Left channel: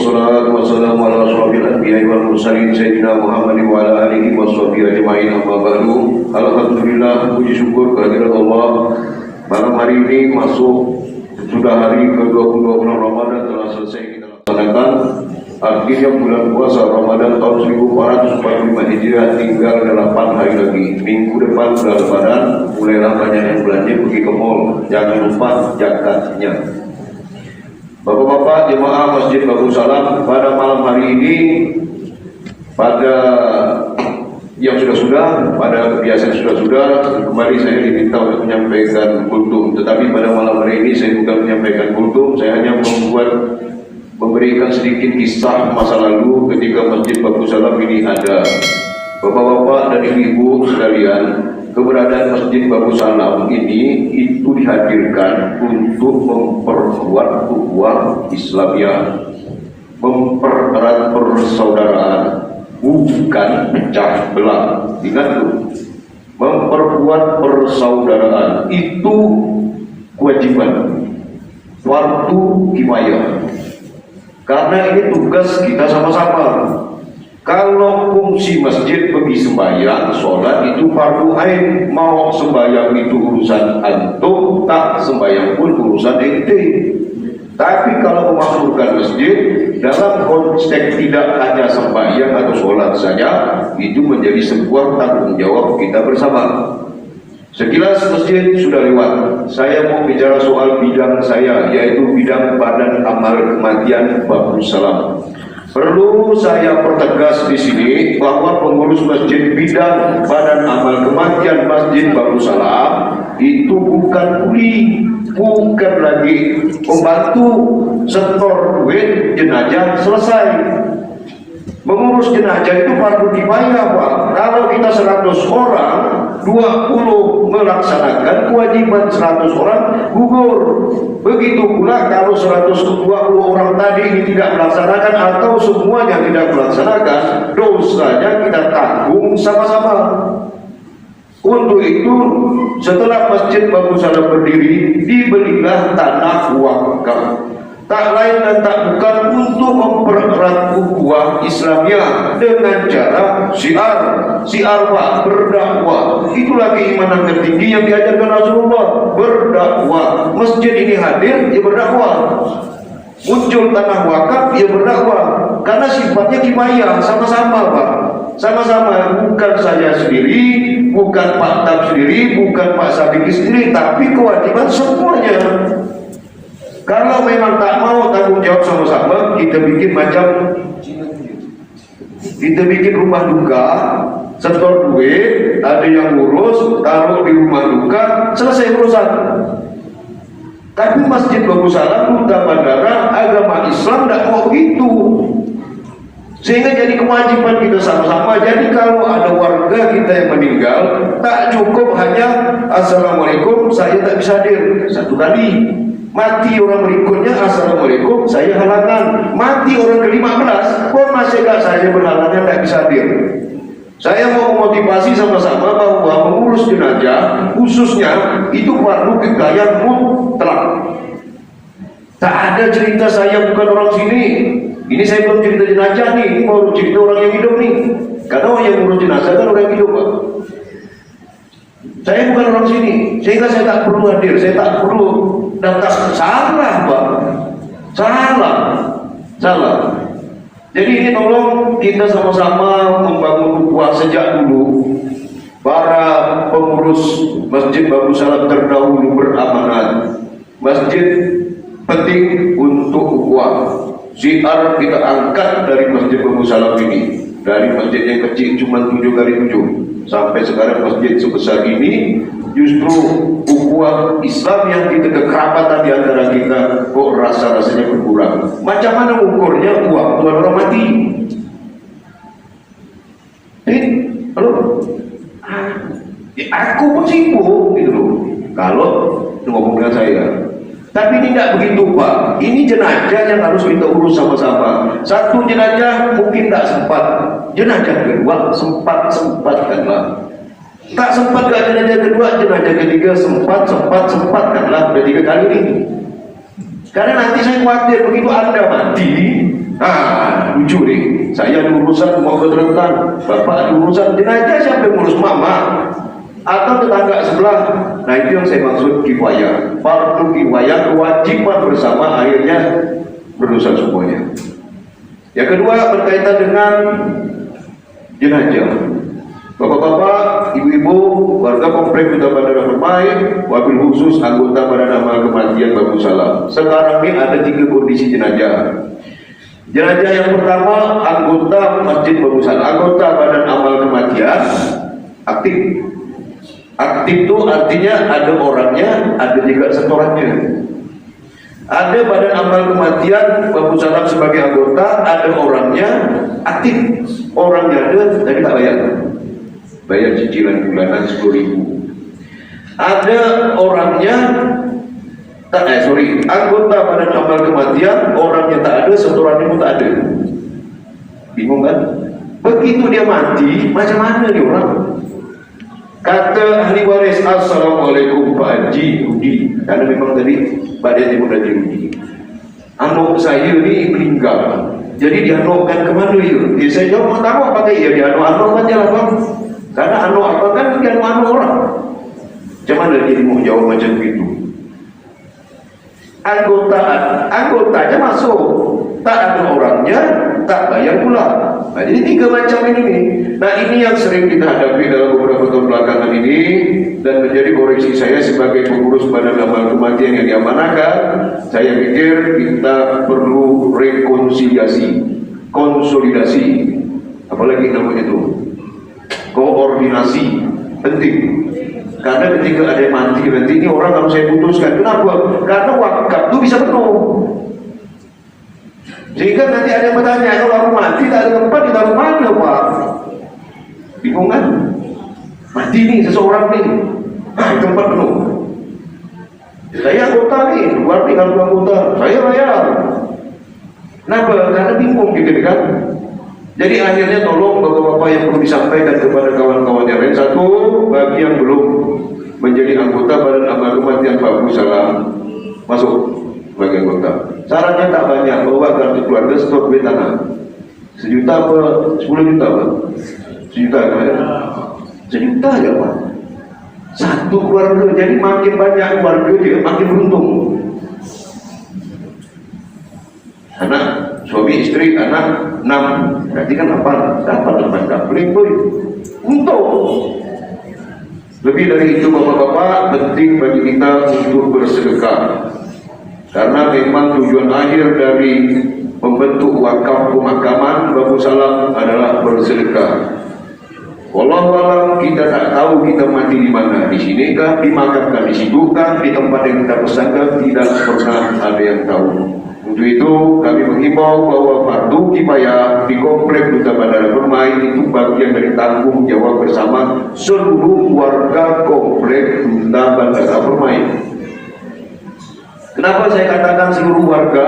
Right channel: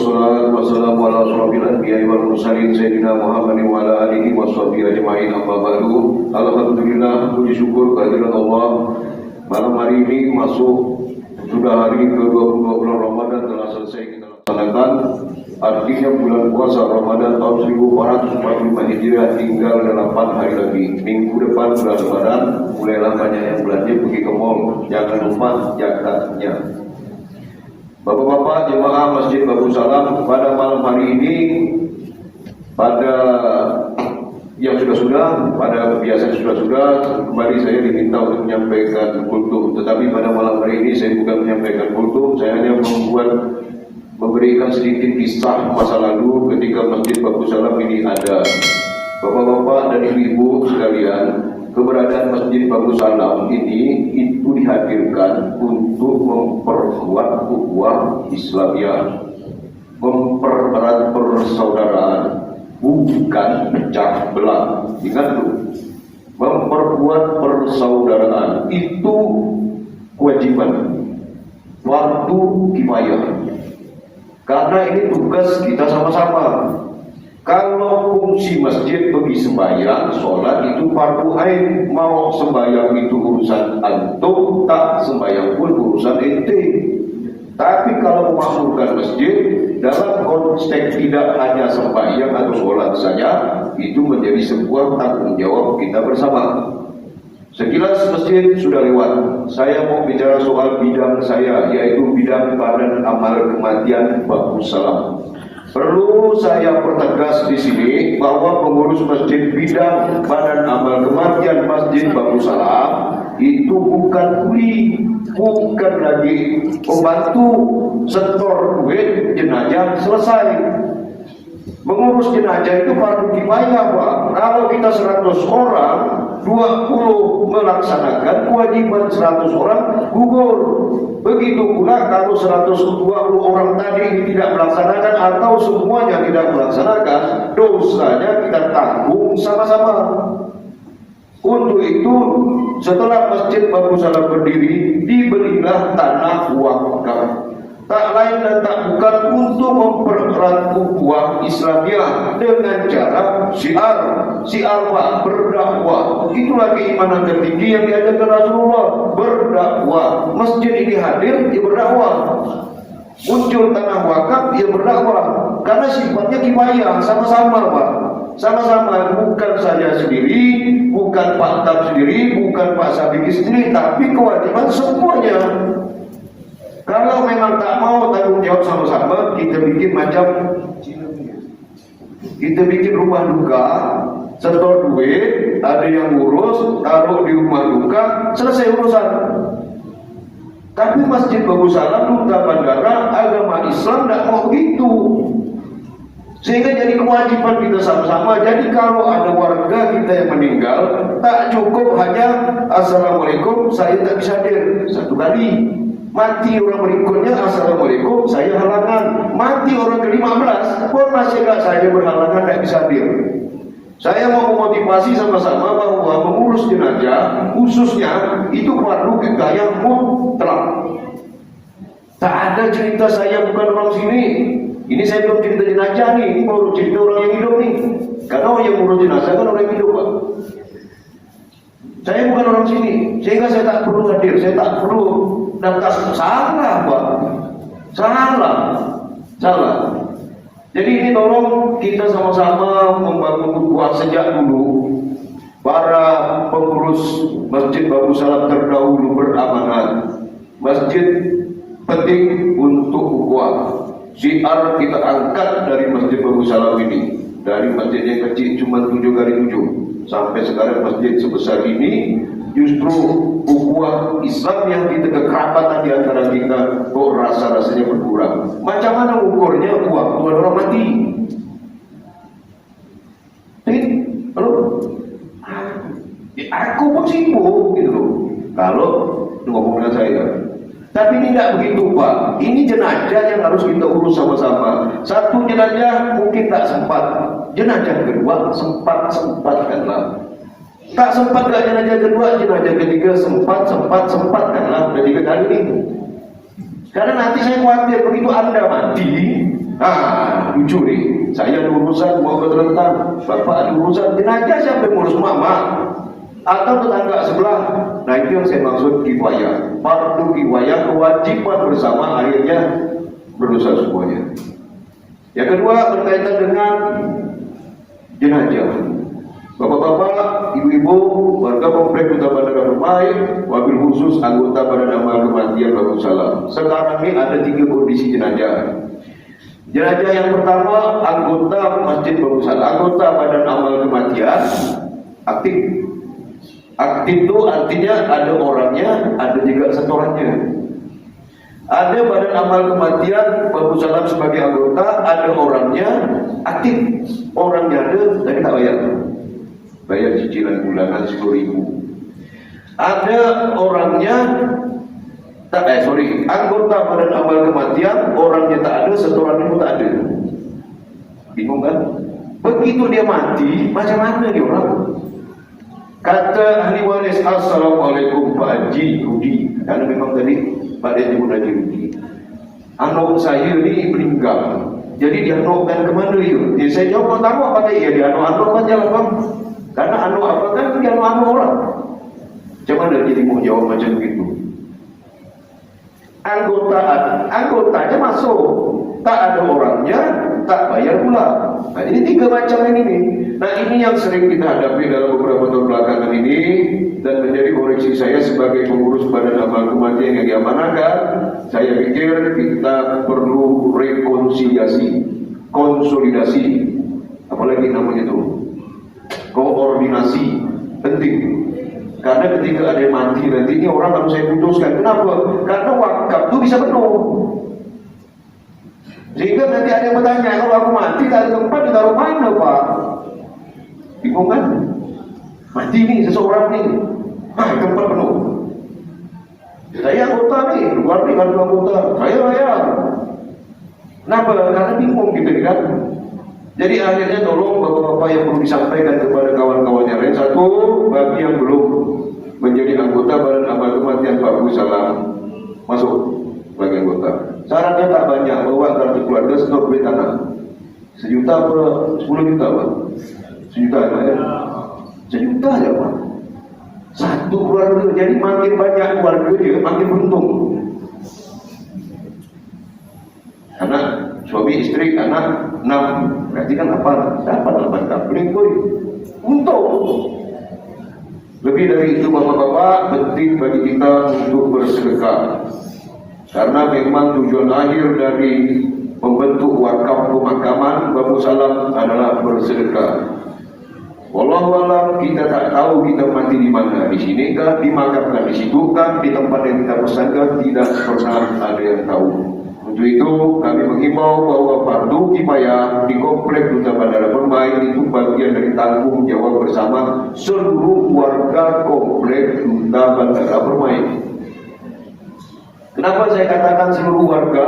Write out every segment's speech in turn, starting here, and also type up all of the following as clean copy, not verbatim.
wassalatu wassalamu ala asyrofil anbiya'i wal mursalin sayyidina Muhammadin wa ala alihi washabihi ajma'in amma ba'du. Alhamdulillah, puji syukur kehadirat Allah. Malam hari ini sudah hari ke-22 bulan Ramadan telah selesai kita laksanakan. Artinya bulan puasa Ramadan tahun 1445 Hijriah tinggal 8 hari lagi. Minggu depan bulan Ramadan, mulailah banyak yang belanja pergi ke mall. Jangan lupa jakatnya. Bapak-bapak jemaah Masjid Bagus Salam, pada malam hari ini, pada yang sudah-sudah, pada kebiasaan sudah-sudah, kembali saya diminta untuk menyampaikan kultum. Tetapi pada malam hari ini saya bukan menyampaikan kultum, saya hanya memberikan sedikit kisah masa lalu ketika Masjid Bagus Salam ini ada. Bapak-bapak dan ibu-ibu sekalian, keberadaan Masjid Bagus Salam ini itu dihadirkan untuk memperkuat ukhuwah Islamiyah, mempererat persaudaraan, bukan pecah belah. Ingat itu, memperkuat persaudaraan itu kewajiban, fardu kifayah. Karena ini tugas kita sama-sama. Kalau fungsi masjid pergi sembahyang, sholat itu fardu ain. Mau sembahyang itu urusan antum, tak sembahyang pun urusan ente. Tapi kalau memasukkan masjid dalam konteks tidak hanya sembahyang atau sholat saja, itu menjadi sebuah tanggung jawab kita bersama. Sekilas masjid sudah lewat. Saya mau bicara soal bidang saya, yaitu bidang Badan Amal Kematian Bagus Salam. Perlu saya pertegas di sini bahwa pengurus masjid bidang Badan Amal Kematian Masjid Bagus Salam itu bukan kuli, bukan lagi pembantu setor duit jenazah selesai. Mengurus jenazah itu fardu kifayah, Pak. Kalau kita 100 orang, 20 melaksanakan kewajiban 100 orang gugur. Begitu pula kalau 120 orang tadi ini tidak melaksanakan atau semuanya tidak melaksanakan, dosanya kita tanggung sama-sama. Untuk itu, setelah Masjid Bagus Salam berdiri, dibelilah tanah wakaf. Tak lain dan tak bukan untuk mempererat ukhuwah Islamiyah dengan cara syiar berdakwah. Itulah keimanan tertinggi yang diajarkan Rasulullah, berdakwah. Masjid ini hadir, ya berdakwah. Muncul tanah wakaf, ya berdakwah. Karena sifatnya kifayah, sama-sama, Pak. Sama-sama, bukan saya sendiri, bukan Pak Tab sendiri, bukan Pak Sabiki sendiri, tapi kewajiban semuanya. Kalau memang tak mau tanggung jawab sama-sama, kita bikin macam kita bikin rumah duka, setor duit, ada yang ngurus, taruh di rumah duka, selesai urusan. Tapi Masjid Bagus Salam, Duta Bandara, agama Islam tidak mau begitu. Sehingga jadi kewajiban kita sama-sama. Jadi kalau ada warga kita yang meninggal, tak cukup hanya Assalamualaikum, saya tak bisa hadir satu kali. Mati orang berikutnya, Assalamualaikum, saya halangan. Mati orang ke-15 pun masih gak saya berhalangan, tak bisa hadir. Saya mau memotivasi sama-sama bahwa mengurus jenazah khususnya itu fardu kifayah mutlak. Tak ada cerita saya bukan orang sini. Ini saya belum cerita jenazah nih, ini baru cerita orang yang hidup nih. Karena orang yang mengurus jenazah kan orang yang hidup, Pak. Saya bukan orang sini, sehingga saya tak perlu hadir, saya tak perlu datang. Salah, Pak. Salah. Jadi ini tolong kita sama-sama membangun ukhuwah sejak dulu. Para pengurus Masjid Bagus Salam terdahulu beramanat. Masjid penting untuk ukhuwah. Syiar kita angkat dari Masjid Bagus Salam ini. Dari masjid yang kecil cuma 7x7 sampai sekarang masjid sebesar ini, justru ukhuwah Islam yang kita kekerabatan di antara kita kok rasa-rasanya berkurang. Macam mana ukurnya waktu orang mati? Aku pun sibuk gitu loh. Kalau ngomong dengan saya. Tapi ini tidak begitu, Pak. Ini jenazah yang harus kita urus sama-sama. Satu jenazah mungkin tidak sempat, jenazah kedua sempatkanlah. Tak sempat ke jenazah kedua, jenazah ketiga sempatkanlah. Udah 3 kali nih. Karena nanti saya khawatir begitu Anda mati, Lucu nih, saya ada urusan mau ke Kelantan, bapak ada urusan jenazah, siapa yang ngurus mama? Atau tetangga sebelah. Nah itu yang saya maksud kifayah. Fardu kifayah, kewajiban bersama, akhirnya berdosa semuanya. Yang kedua berkaitan dengan jenazah. Bapak-bapak, ibu-ibu, warga komplek Duta Bandara Permai, wabil khusus anggota Badan Amal Kematian Babu Salam. Sekarang ini ada 3 kondisi jenazah. Jenazah yang pertama anggota Masjid Babu Salam, anggota Badan Amal Kematian aktif. Aktif itu artinya ada orangnya, ada juga setorannya. Ada Badan Amal Kematian Babu Salam sebagai anggota, ada orangnya aktif. Orangnya ada, tapi tak bayar. Bayar cicilan bulanan 10.000. Ada orangnya anggota Badan Amal Kematian, orangnya tak ada, setorannya pun tak ada. Bingung kan? Begitu dia mati, macam mana nih orang? Kata ahli waris, assalamualaikum Pak Haji Rudi, karena memang tadi Pak Haji Rudi, anak saya ni meninggal, jadi dianokkan kemana ya? Saya jawab, mau tahu apa ya? Dianok aja lah bang, karena anak apa kan dianok orang. Macam mana dia mau jawab macam itu? Anggotanya masuk, tak ada orangnya, tak bayar pula. Nah, jadi 3 macam ini. Nah, ini yang sering kita hadapi dalam beberapa tahun belakangan ini, dan menjadi koreksi saya sebagai pengurus Badan Amal Kematian yang diamanahkan. Saya pikir kita perlu rekonsiliasi, konsolidasi, apalagi namanya itu, koordinasi, penting. Karena ketika ada yang mati nanti ini orang harus saya putuskan. Kenapa? Karena wakaf itu bisa penuh. Sehingga nanti ada yang bertanya, kalau aku mati tak ada tempat, ditaruh mana Pak? Bingung kan? Mati nih seseorang nih, tempat penuh. Saya anggota nih, luar tinggal anggota, saya bayar. Kenapa? Karena bingung gitu kan? Jadi akhirnya tolong bapak-bapak yang perlu disampaikan kepada kawan-kawan yang lain. Satu, bagi yang belum menjadi anggota Badan Amal Kematian Babu Salam, masuk sebagai anggota. Syaratnya tak banyak, bawa kartu keluarga, stok duit tanah. 1 juta apa? 10 juta apa? 1 juta kan? 1 juta aja Pak. Satu keluarga, jadi makin banyak keluarga dia makin beruntung. Anak, suami istri, anak 6, berarti kan 8 ribu untung. Lebih dari itu bapak-bapak, penting bagi kita untuk bersedekah. Karena memang tujuan akhir dari membentuk wakaf pemakaman Babu Salam adalah bersedekah. Wallahualam, kita tak tahu kita mati di mana, di sini kah, dimakamkan di situ kah, di tempat yang kita pesankan, tidak pernah ada yang tahu. Untuk itu kami mengimbau bahwa fardu kifayah di komplek Duta Bandara Permai itu bagian dari tanggung jawab bersama seluruh warga komplek Duta Bandara Permai. Kenapa saya katakan seluruh warga?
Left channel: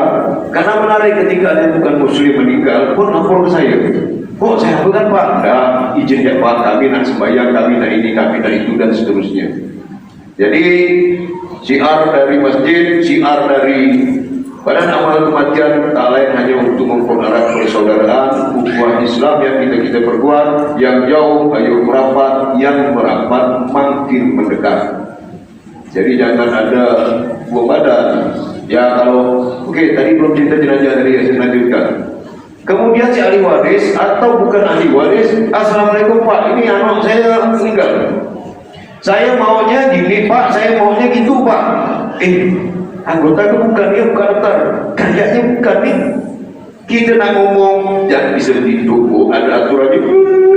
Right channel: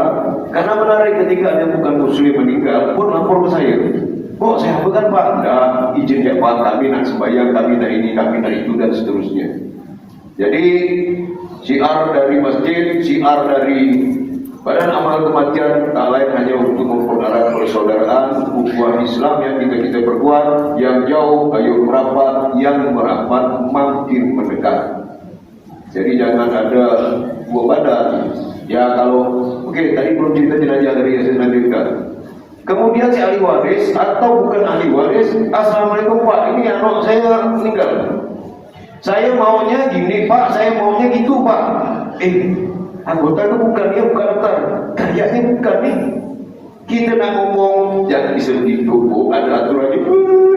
Karena menarik ketika ada bukan muslim meninggal pun lapor ke saya. Oh saya bukan Pak, nah, izinnya Pak, kami nak sembahyang, kami nak ini, kami nak itu, dan seterusnya. Jadi syiar dari masjid, syiar dari Badan Amal Kematian tak lain hanya untuk mempererat persaudaraan ukhuwah Islam yang kita perkuat, yang jauh ayo merapat, yang merapat makin mendekat. Jadi jangan ada buah badan. Ya kalau tadi belum cerita jenazah tadi saya lanjutkan. Kemudian si ahli waris atau bukan ahli waris, assalamualaikum Pak, ini anak saya meninggal. Saya maunya gini Pak, saya maunya gitu Pak. Anggota ke bukan, dia bukan antar, kayaknya bukan nih. Kita nak ngomong, jangan bisa dituduh, ada aturannya,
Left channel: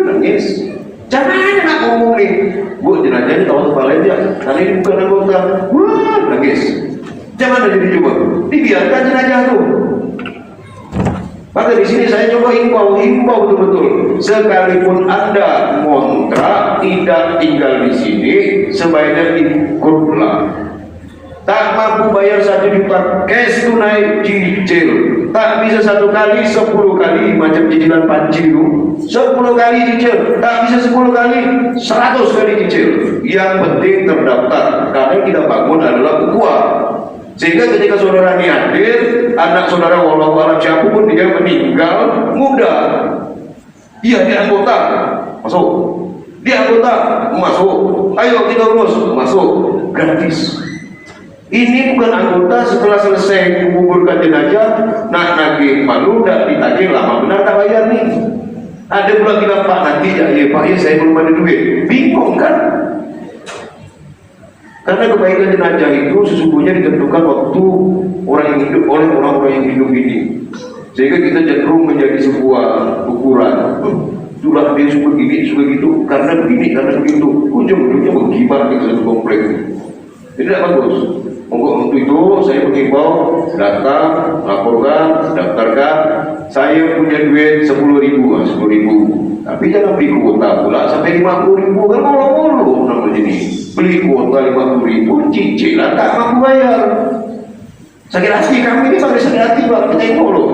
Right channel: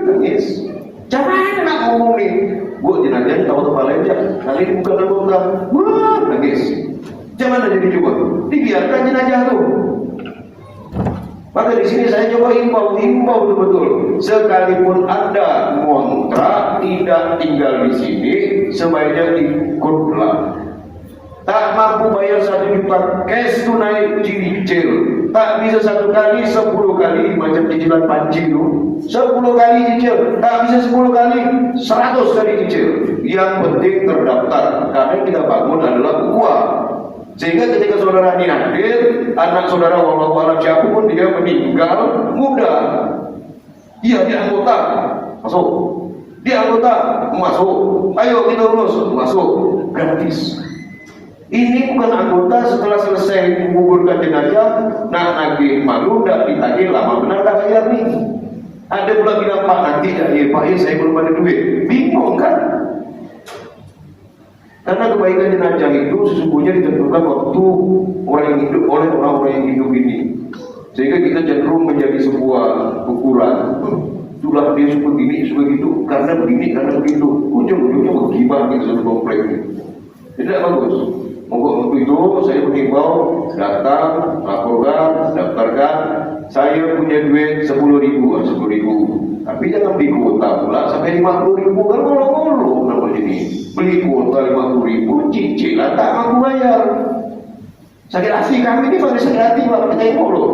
nangis. Jangan nak ngomong nih, bu jenazah ini tahu tempat lain dia, kali ini bukan anggota, nangis. Jangan ada dicoba, dibiarkan jenazah tuh. Maka di sini saya coba himbau betul-betul. Sekalipun Anda ngontrak tidak tinggal di sini, sebaiknya ikutlah. Tak mampu bayar 1 juta cash tunai, cicil. Tak bisa 1 kali, 10 kali, macam cicilan panci itu. 10 kali cicil, tak bisa 10 kali, 100 kali cicil. Yang penting terdaftar, karena kita bangun adalah ukhuwah. Sehingga ketika saudara ini hadir, anak saudara walau siapapun dia meninggal muda, iya dia anggota, masuk. Dia anggota, masuk. Ayo kita urus, masuk. Gratis. Ini bukan anggota setelah selesai menguburkan jenazah, nak nagih malu dan ditagih lama benar tak bayar nih. Ada pula bilang Pak nanti ya Pak ya saya belum ada duit. Bingung kan? Karena kebaikan jenazah itu sesungguhnya ditentukan waktu orang yang hidup oleh orang-orang yang hidup ini. Sehingga kita cenderung menjadi sebuah ukuran. Sudah dia suka gini, suka gitu, karena begini, karena begitu. Ujung-ujungnya menggibah di satu komplek. Tidak bagus. Untuk itu saya mengimbau datang, laporkan, daftarkan. Saya punya duit 10.000, 10.000. Tapi jangan beli kuota pula sampai 50.000 kan mulu-mulu namanya ini. Beli kuota 50.000, cicilan tak mampu bayar. Sakit hati kami ini pakai sakit hati Pak, kita ini loh.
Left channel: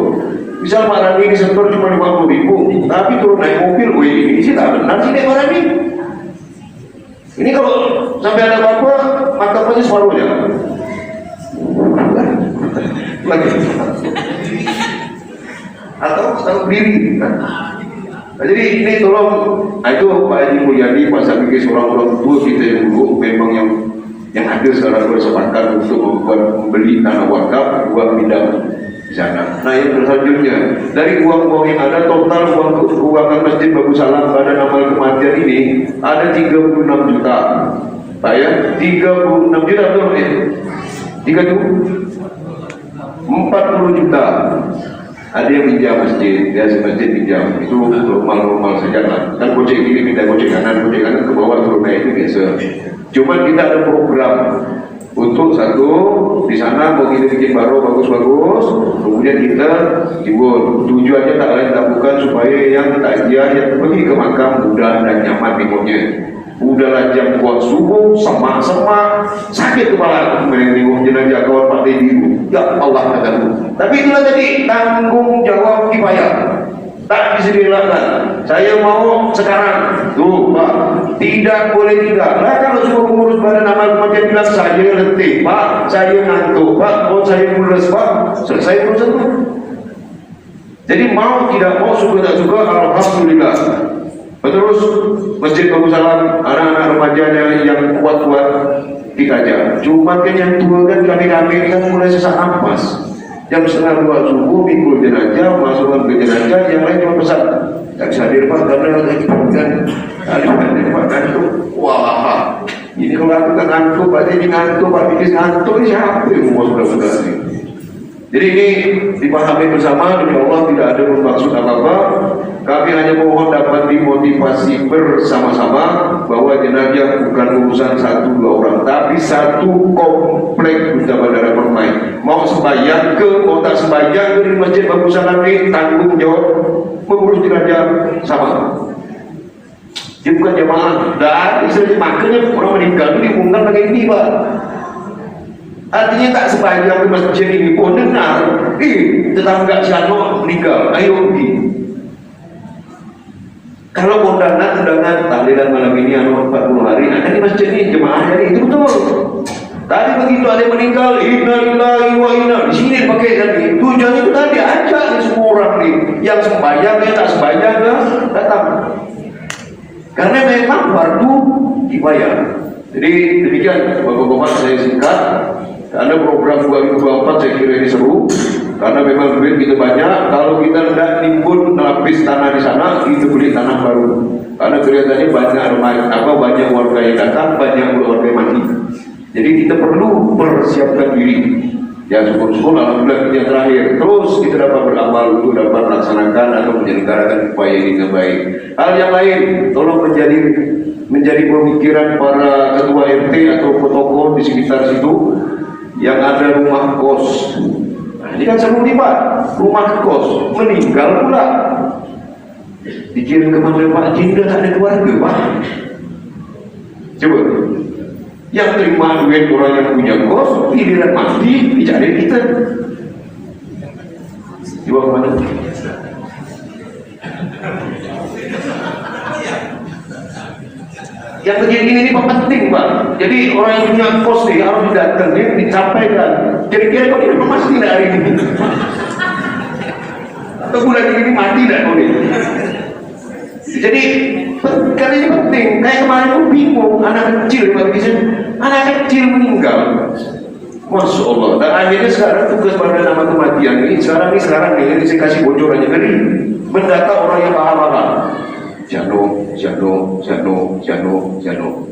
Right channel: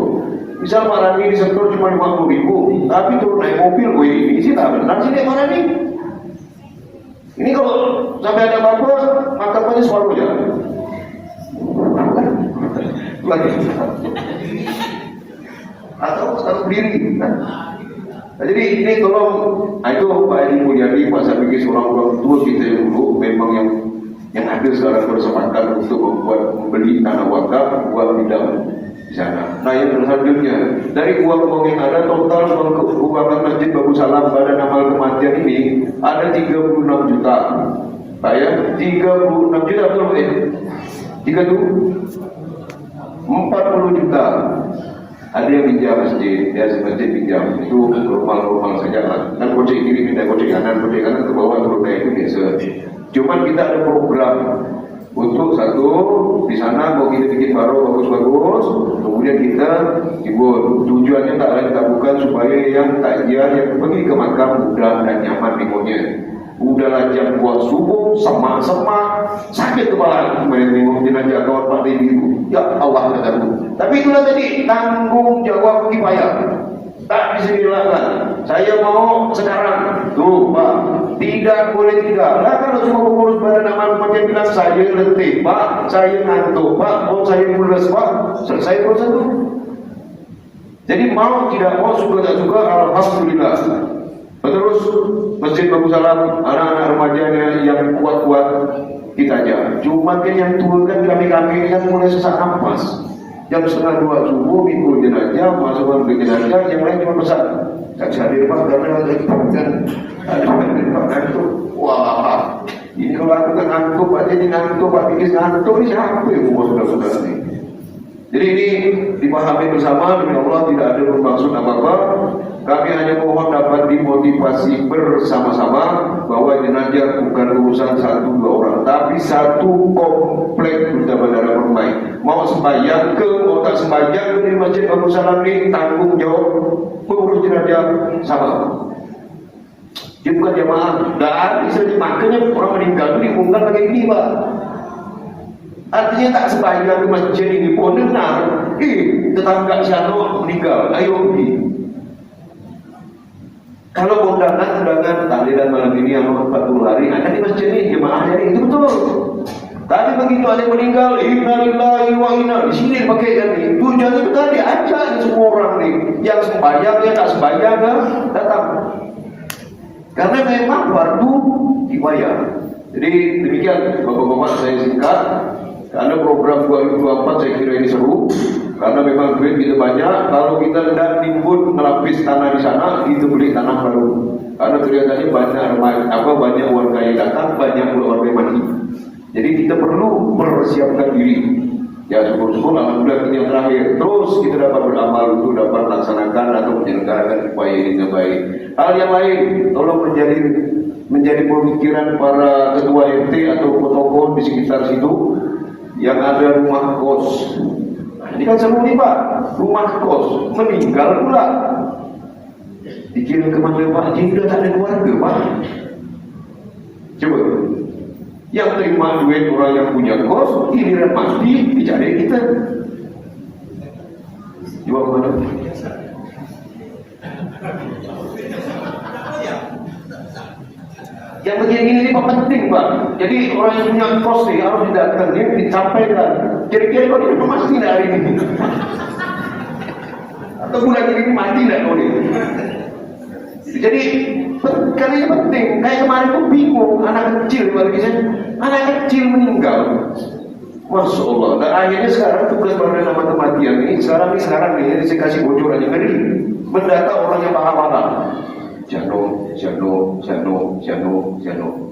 Misal Pak Randi disetor cuma 50.000, tapi turun naik mobil, wih ini sih tak benar sih Pak Randi. Ini kalau sampai ada apa-apa, martabaknya selalu ya. Atau tahu diri. Nah, jadi ini tolong, itu Pak Haji Mulyadi, Pak Sabiki, seorang orang tua kita yang dulu memang yang hadir sekarang bersepakat untuk membeli tanah wakaf buat pindah di sana. Nah yang selanjutnya dari uang-uang yang ada, total uang keuangan Masjid Bagus Salam pada amal kematian ini ada 36 juta. Pak ya, 36 juta betul ya? 40 juta. Ada yang pinjam masjid, biasa masjid pinjam, itu normal-normal saja lah. Kan gojek kiri minta gojek kanan ke bawah turun naik itu biasa. Cuman kita ada program untuk satu di sana mau kita bikin baru bagus-bagus, kemudian kita jibur. Tujuannya tak lain tak bukan supaya yang takziah yang pergi ke makam mudah dan nyaman minggunya. Udahlah jam buat subuh, semak-semak, sakit kepala menengok jenazah kawan Pak Dedi. Ya Allah katamu. Tapi itulah tadi tanggung jawab dibayar. Tak bisa dilakukan. Saya mau sekarang, tuh Pak, tidak boleh tidak. Nah kalau semua pengurus badan amal kematian bilang saya letih, Pak, saya ngantuk, Pak, mau saya mules, Pak, selesai urusan itu. Jadi mau tidak mau, suka tak suka, alhamdulillah. Terus Masjid Bagus Salam, anak-anak remajanya yang kuat-kuat dikajar. Cuma kan yang tua kan kami-kami kan mulai sesak nafas. Jam 1:30 subuh minggu jenazah, masukkan ke jenazah, yang lain cuma pesan. Tak bisa hadir Pak, karena lagi kan hadir Pak ngantuk. Wah, ini kalau aku tak ngantuk, Pak Dedi ngantuk, Pak Bikis ngantuk, ini siapa yang mau sudah-sudah ini? Jadi ini dipahami bersama, demi Allah tidak ada bermaksud apa-apa. Kami hanya mohon dapat dimotivasi bersama-sama bahwa jenazah bukan urusan 1-2 orang, tapi satu komplek Duta Bandara Permai. Mau sembahyang ke, mau tak sembahyang ke di Masjid Bagus Salam ini tanggung jawab mengurus jenazah sama. Dia bukan jamaah, dan makanya orang meninggal itu diumumkan pakai ini Pak. Artinya tak sembahyang ke masjid ini pun benar. Tetangga si Ano meninggal, ayo pergi. Kalau undangan tahlilan malam ini 40 hari akan di masjid ini jemaahnya ini, itu betul. Tadi begitu ada yang meninggal, innalillahi wa inna, di sini dipakai kan ini. Tujuannya itu tadi ajak semua orang nih, yang sembahyang dia tak sembahyang dia datang. Karena memang fardu dibayar. Jadi demikian Bapak-bapak saya singkat. Ada program 2024 saya kira ini seru. Karena memang duit kita banyak, kalau kita tidak nimbun melapis tanah di sana, kita beli tanah baru. Karena kelihatannya banyak warga yang datang, banyak warga yang mati. Jadi kita perlu persiapkan diri. Ya syukur-syukur alhamdulillah kita yang terakhir. Terus kita dapat beramal untuk dapat melaksanakan atau menyelenggarakan upaya ini terbaik. Hal yang lain, tolong menjadi pemikiran para ketua RT atau tokoh di sekitar situ yang ada rumah kos. Ini kan seru nih Pak, rumah kos meninggal pula, dikirim ke mana Pak Haji, udah tak ada keluarga Pak. Coba, yang terima duit orang yang punya kos, giliran mati dicari kita. Coba mana? Yang begini ini Pak penting Pak. Jadi orang yang punya kos nih harus didatangin, disampaikan. Kira-kira kau ini mati tidak hari ini? Atau bulan ini mati tidak kau ini? Jadi karena ini penting. Kayak kemarin aku bingung, anak kecil meninggal. Masya Allah. Dan akhirnya sekarang tugas pada nama kematian ini sekarang nih saya kasih bocorannya ngeri. Mendata orang yang paham-paham. Jano.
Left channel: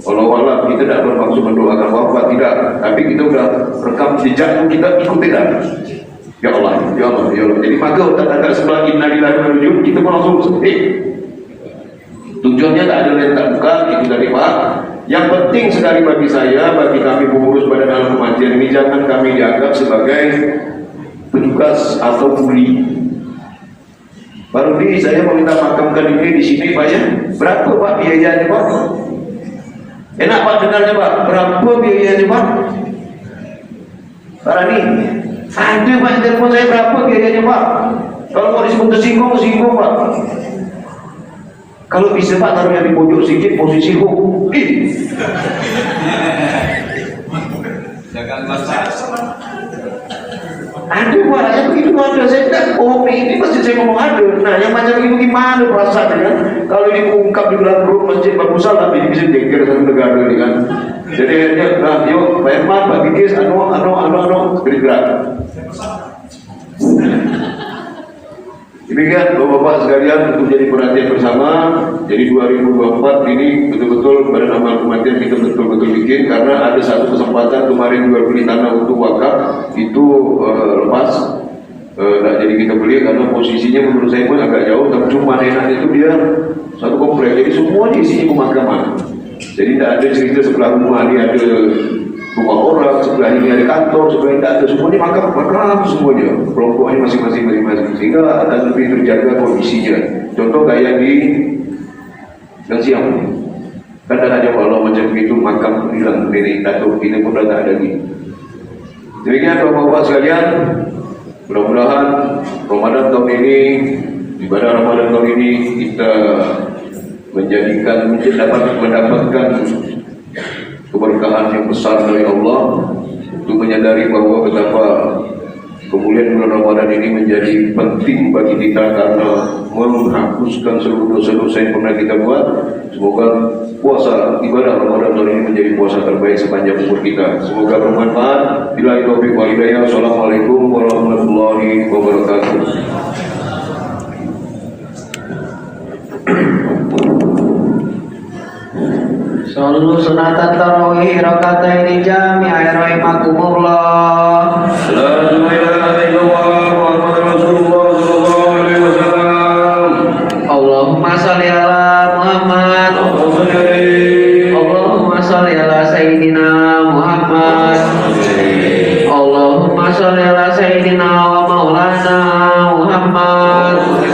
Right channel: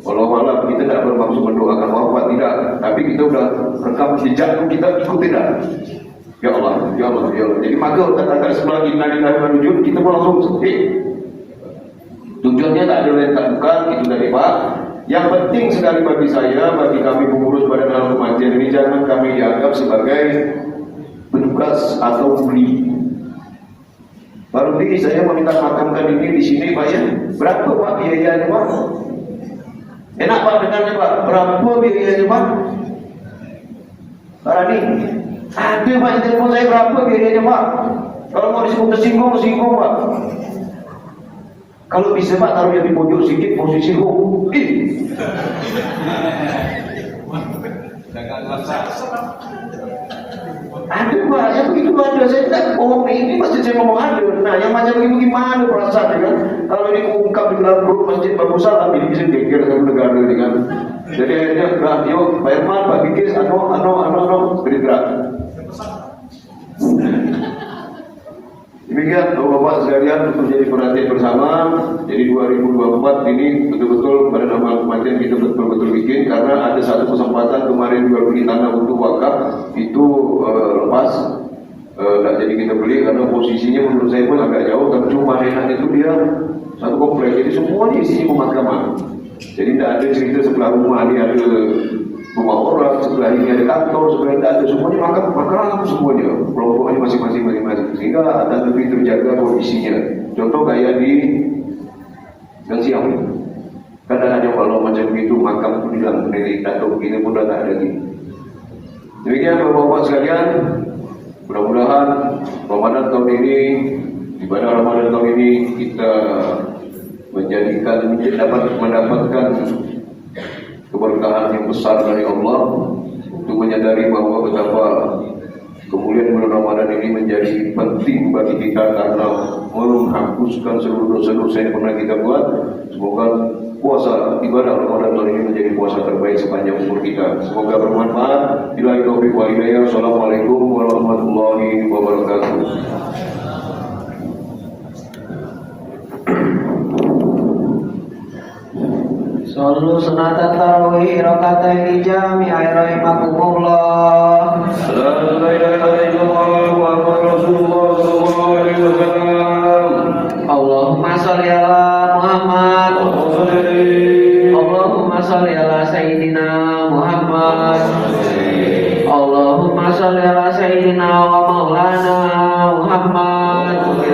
Walau kita tidak bermaksud mendoakan wafat tidak, tapi kita sudah rekam jejak kita ikuti kan. Ya Allah. Jadi maka tanda sebelah innalillahi wa inna ilaihi raji'un kita pun langsung sedih. Tujuannya tak ada lain tak bukan itu dari Pak. Yang penting sekali bagi saya, bagi kami pengurus Badan Alam Kematian ini jangan kami dianggap sebagai petugas atau kuli. Baru ini saya meminta makamkan ini di sini Pak ya. Berapa Pak biayanya Pak? Enak Pak dengarnya Pak. Berapa biayanya Pak? Pak Rani, ada Pak telepon saya berapa biayanya Pak? Kalau mau disebut tersinggung Pak. Kalau bisa Pak taruhnya di pojok sedikit posisi hukum. Jangan baca. Ada Pak, yang begitu ada. Saya tidak bohong ini masjid saya ngomong ada. Nah yang macam ini bagaimana perasaannya kan? Kalau ini ungkap di dalam grup masjid bagus salah, ini bisa geger sama negara ini kan. Jadi nah yuk Pak Irman, Pak Bikis, bergerak. Demikian Bapak-Bapak sekalian untuk menjadi perhatian bersama. Jadi 2024 ini betul-betul Badan Amal Kematian kita betul-betul bikin karena ada satu kesempatan kemarin jual beli tanah untuk wakaf itu lepas. Nah jadi kita beli karena posisinya menurut saya pun agak jauh, tapi cuma enak itu dia satu komplek. Jadi semuanya isinya pemakaman. Jadi tidak ada cerita sebelah rumah dia ada rumah orang, sebelah ini ada kantor, sebelah ini ada semuanya makam semuanya. Kelompoknya masing-masing. Sehingga akan lebih terjaga kondisinya. Contoh kayak di Gang Siang. Kan ada kalau macam itu makam hilang nenek atau kita pun dah tak ada lagi. Demikian Bapak-Bapak sekalian, mudah-mudahan Ramadan tahun ini, ibadah Ramadan tahun ini kita dapat mendapatkan keberkahan yang besar dari Allah untuk menyadari bahwa betapa kemuliaan bulan Ramadan ini menjadi penting bagi kita karena menghapuskan seluruh dosa-dosa yang pernah kita buat. Semoga puasa ibadah Ramadan tahun ini menjadi puasa terbaik sepanjang umur kita. Semoga bermanfaat. Billahi taufiq wal hidayah. Assalamualaikum warahmatullahi wabarakatuh. Sallu sunatan tarawih rakataini jami'ai rahimakumullah. La ilaha illallah Muhammadur Rasulullah sallallahu alaihi wasallam. Allahumma shalli ala Muhammad. Allahumma shalli ala Sayyidina Muhammad. Allahumma shalli ala Sayyidina wa maulana Muhammad.